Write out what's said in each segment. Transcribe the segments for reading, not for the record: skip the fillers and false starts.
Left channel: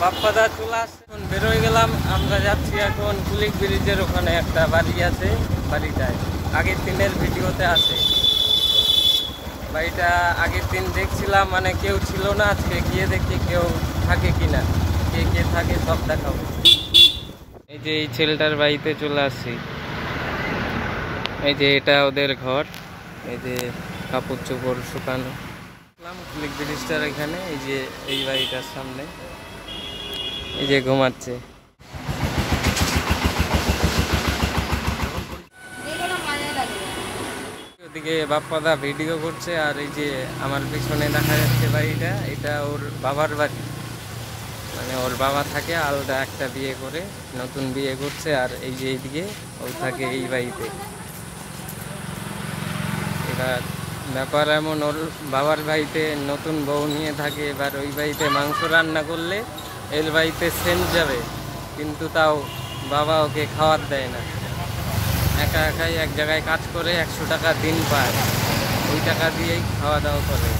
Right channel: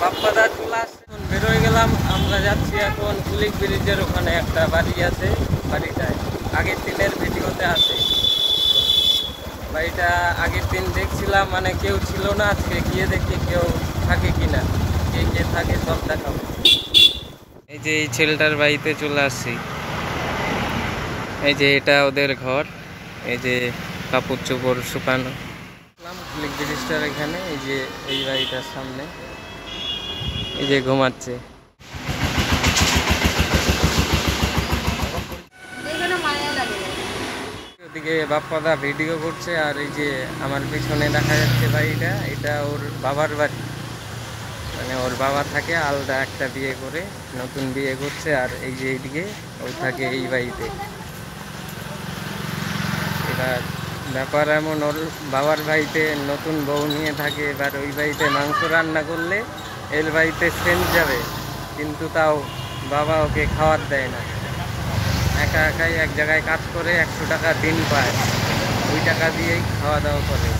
বাপ্পাদার চলে আসছে, এখন বেরোয় গেলাম। আমরা যাচ্ছি এখন কুলিক ব্রিজের ওখানে একটা বাড়ি আছে, বাড়িটায় আগের দিনের ভিডিওতে আছে। বাড়িটা আগের দিন দেখছিলাম, মানে কেউ ছিল না। আজকে গিয়ে দেখি কেউ থাকে কিনা, কে কে থাকে সব দেখাবো। এই যে এই ছেলেটার বাড়িতে চলে আসছি। এই যে এটা ওদের ঘর, এই যে কাপড় চোপড় শুকানো। কুলিক ব্রিজটার এখানে, এই যে এই বাড়িটার সামনে এই যে ঘুমাচ্ছে। ওদিকে বাপ্পাদা ভিডিও করছে, আর এই যে আমার পিছনে দেখা যাচ্ছে বাড়িটা, এটা ওর বাবার বাড়ি। মানে ওর বাবা থাকে আলাদা একটা বিয়ে করে, নতুন বিয়ে করছে। আর এই যে এইদিকে ও থাকে এই বাড়িতে। এবার ব্যাপার এমন, ওর বাবার বাড়িতে নতুন বউ নিয়ে থাকে। এবার ওই বাড়িতে মাংস রান্না করলে এর বাড়িতে সেন্ট যাবে, কিন্তু তাও বাবা ওকে খাওয়ার দেয় না। একা একাই এক জায়গায় কাজ করে 100 টাকা দিন পায়, ওই টাকা দিয়েই খাওয়া দাওয়া করে।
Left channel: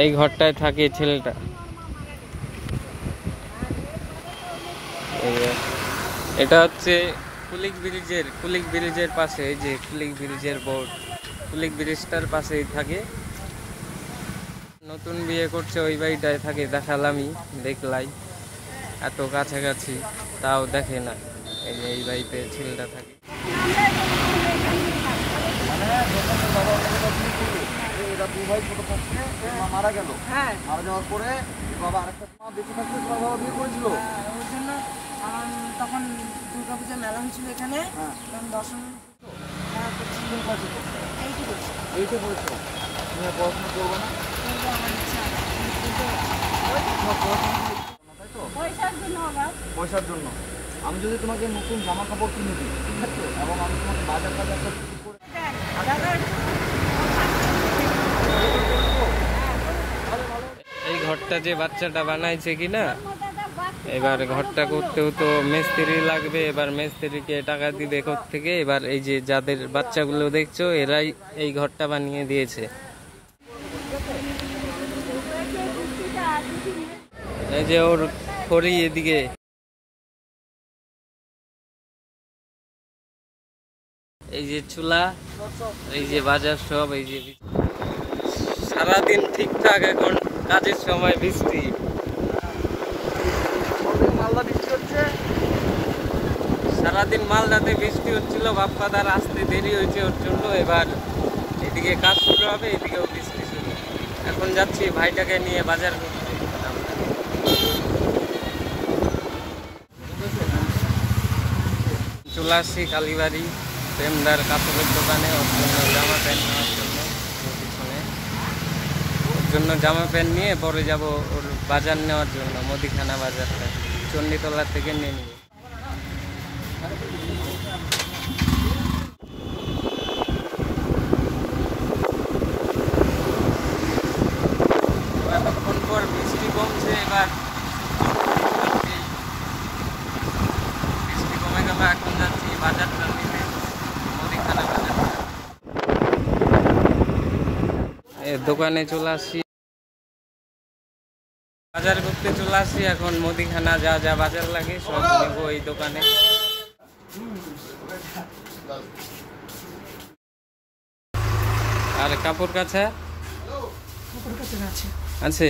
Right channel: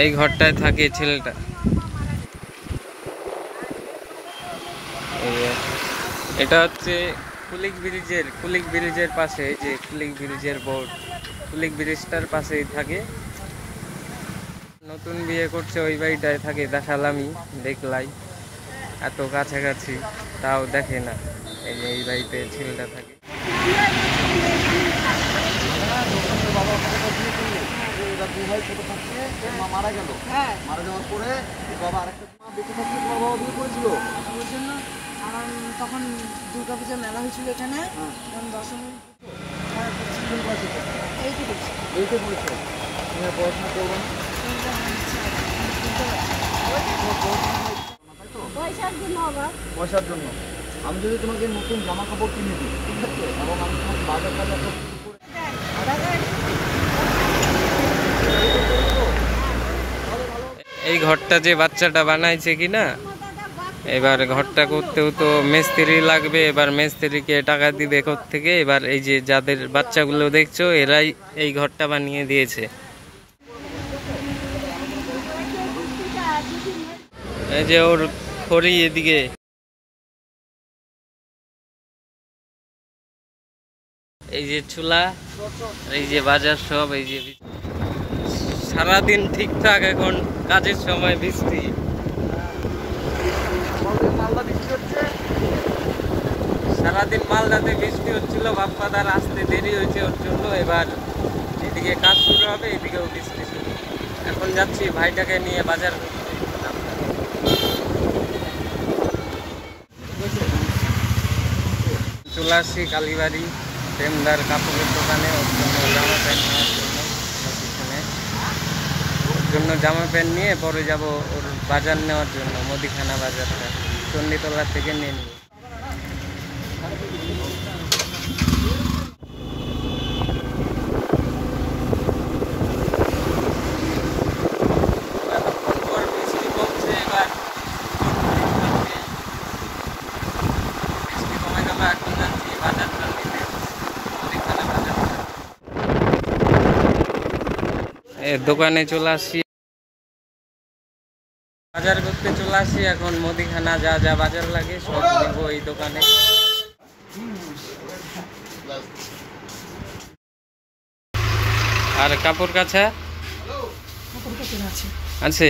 এই ঘরটায় থাকে ছেলেটা। এটা হচ্ছে কুলিক ব্রিজের পাশে, এই যে কুলিক ব্রিজের বোর্ড, কুলিক ব্রিজটার পাশেই থাকে। নতুন বিয়ে করছে, ওই বাড়িটায় থাকে। দেখালামই, দেখলাই, এত কাছাকাছি তাও দেখে না। এই যে এই বাড়িতে ছেলেটা থাকে। মারা গেল, মারা যাওয়ার পরে বাবা আরেকটা বেঁচে থাকতে তোমার বাবা বিয়ে করেছিল। ওই জন্য তখন দুর্গাপূজা মেলা হয়েছিল এখানে, দশমী এইটা বলছো তুমি পড়াশোনা করবে না, পয়সার জন্য। আমি যদি তোমাকে নতুন জামা কাপড় কিনে দিই, ঠিক আছে, এবং আমি তোমাকে বাজার টাজার করে এই ঘরটা যে বাচ্চাটা বানাইছে কিনা, এবার ঘরটা করতেও তো মিস্ত্রি লাগবে। এবার মিস্ত্রিকে টাকা দিবে থেকে। এবার এই যে যাদের বাচ্চাগুলো দেখছো, এরাই এই ঘরটা বানিয়ে দিয়েছে। এই যে ওর খড়ি এদিকে, এই যে চুলা, এই যে বাজার সব। এই যে সারাদিন ঠিকঠাক, এখন কাজের সময় বৃষ্টি। সারাদিন মালদাতে বৃষ্টি হচ্ছিল, বাপ্পাদার আসতে দেরি হয়েছে ওর জন্য। এবার এদিকে কাজ শুরু হবে, এদিকেও বৃষ্টি শুরু। এখন যাচ্ছি ভাইটাকে নিয়ে বাজার করতে। চলে আসছি কালীবাড়ি প্রেমদার কাপড়ের দোকানে, ওর জন্য জামা প্যান্ট নেওয়ার জন্য। পিছনে ওর জন্য জামা প্যান্ট নিয়ে পরে যাব ওর বাজার নেওয়ার জন্য, মুদিখানা বাজারটা চণ্ডীতলা থেকে নিয়ে নিব। এতক্ষণ পর বৃষ্টি কমছে, এবার বৃষ্টি কমে যাবে। এখন যাচ্ছি বাজারটা নিতে, মুদিখানা বাজারটা। দোকানে চলে আসছি, বাজার করতে চলে আসছি। এখন মুদিখানা যা যা বাজার লাগে সব নিব এই দোকানে। আর কাপড় কাছা আছে,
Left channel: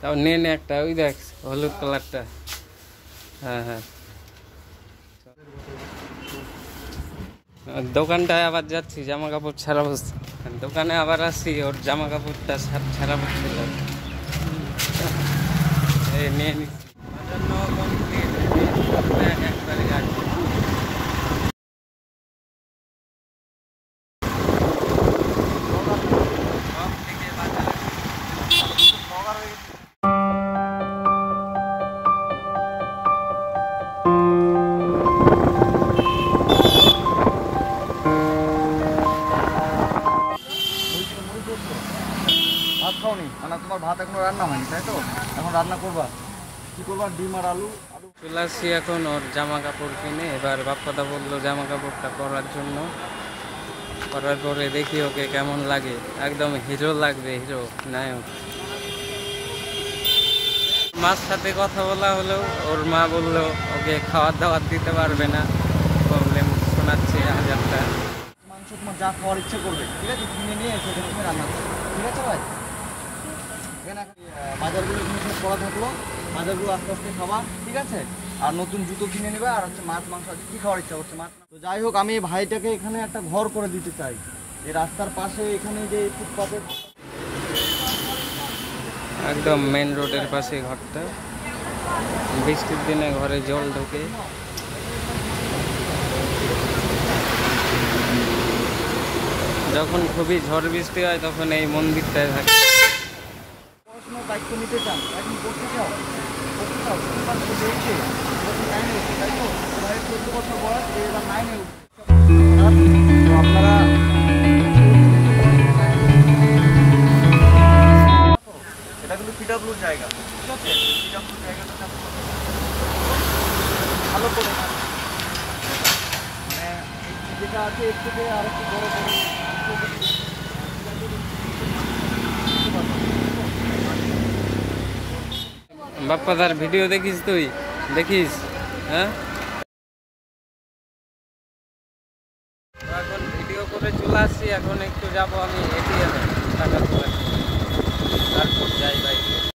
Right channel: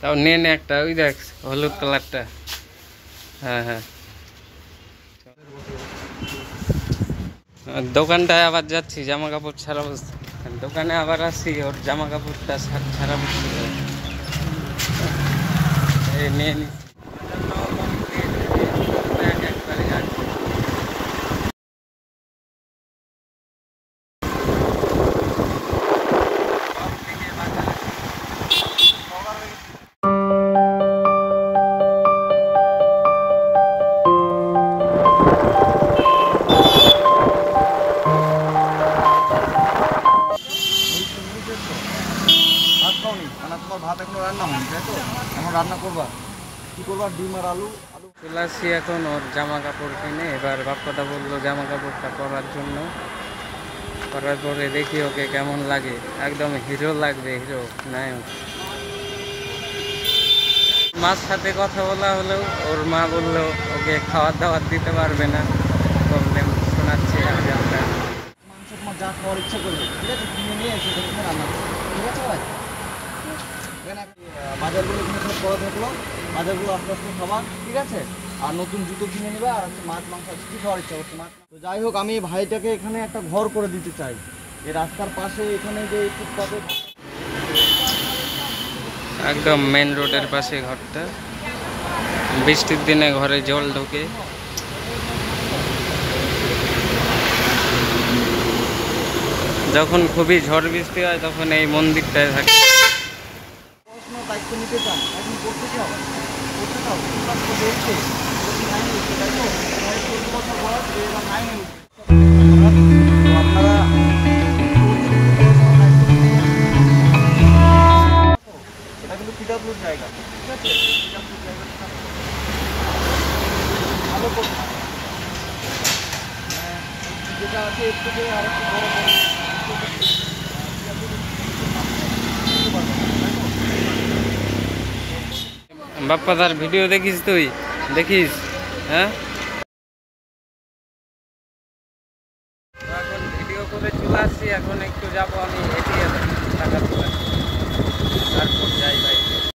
তাও নে একটা, ওই দেখ হলুদ কালারটা। হ্যাঁ হ্যাঁ, দোকানটায় আবার যাচ্ছি জামা কাপড় ছাড়া বসতে। দোকানে আবার আসছি, ওর জামা কাপড়টা ছাড়া বসছিল, নিয়ে নিচ্ছি। ভাত খাওনি, মানে তোমার ভাত এখনো রান্না হয়নি, তাই তো? এখন রান্না করবা? কি করবা, ডিম আর আলু আলু। চলে আসছি এখন ওর জামা কাপড় কিনে। এবার বাপ্পাদা বললো জামা কাপড়টা পরার জন্য। করার পরে দেখি ওকে কেমন লাগে। একদম হিরো লাগবে, হিরো নায়ক। মার সাথে কথা বলা হলেও ওর মা বললো ওকে খাবার দাবার দিতে পারবে না, প্রবলেম শোনাচ্ছে হাজারটা। মাংস তোমার যা খাওয়ার ইচ্ছা করবে, ঠিক আছে, কিনে নিয়ে এসে তুমি রান্না করবে, ঠিক আছে ভাই? এখানে বাজারগুলো এখানে সব করা থাকলো, বাজারগুলো আস্তে আস্তে খাবার, ঠিক আছে? আর নতুন জুতো কিনে নেবে, আর হচ্ছে মাছ মাংস আছে, কী খাওয়ার ইচ্ছা করছে মাছ। তো যাই হোক, আমি ভাইটাকে এখানে একটা ঘর করে দিতে চাই, এই রাস্তার পাশে, এখানে যে ফুটপাতে। একদম মেন রোডের পাশে ঘরটা। বৃষ্টির দিনে ঘরে জল ঢোকে। যখন খুবই ঝড় বৃষ্টি হয় তখন এই মন্দিরটায় থাকে। পড়াশোনার দায়িত্ব নিতে চান, এখন করতে চাও, করতে চাও, ক্লাস করতে এসছে, এবার 9 এ উঠছে, তাই তো? এবারে 14 বছর বয়স, এবার 9 এ উঠছে। তো আপনারা এটা কিন্তু পিডাব্লিউর জায়গা, ঠিক আছে? পিডাব্লিউর জায়গাটা ভালো করে না, মানে যেটা আছে এর থেকে আর একটু বড় বড় বাপ্পাদার ভিডিও দেখিস তুই? দেখিস? হ্যাঁ, এখন ভিডিও করে চলে আসছি। এখন একটু যাবো আমি এটিএমে টাকা তোলার, তারপর যাই বাইকে।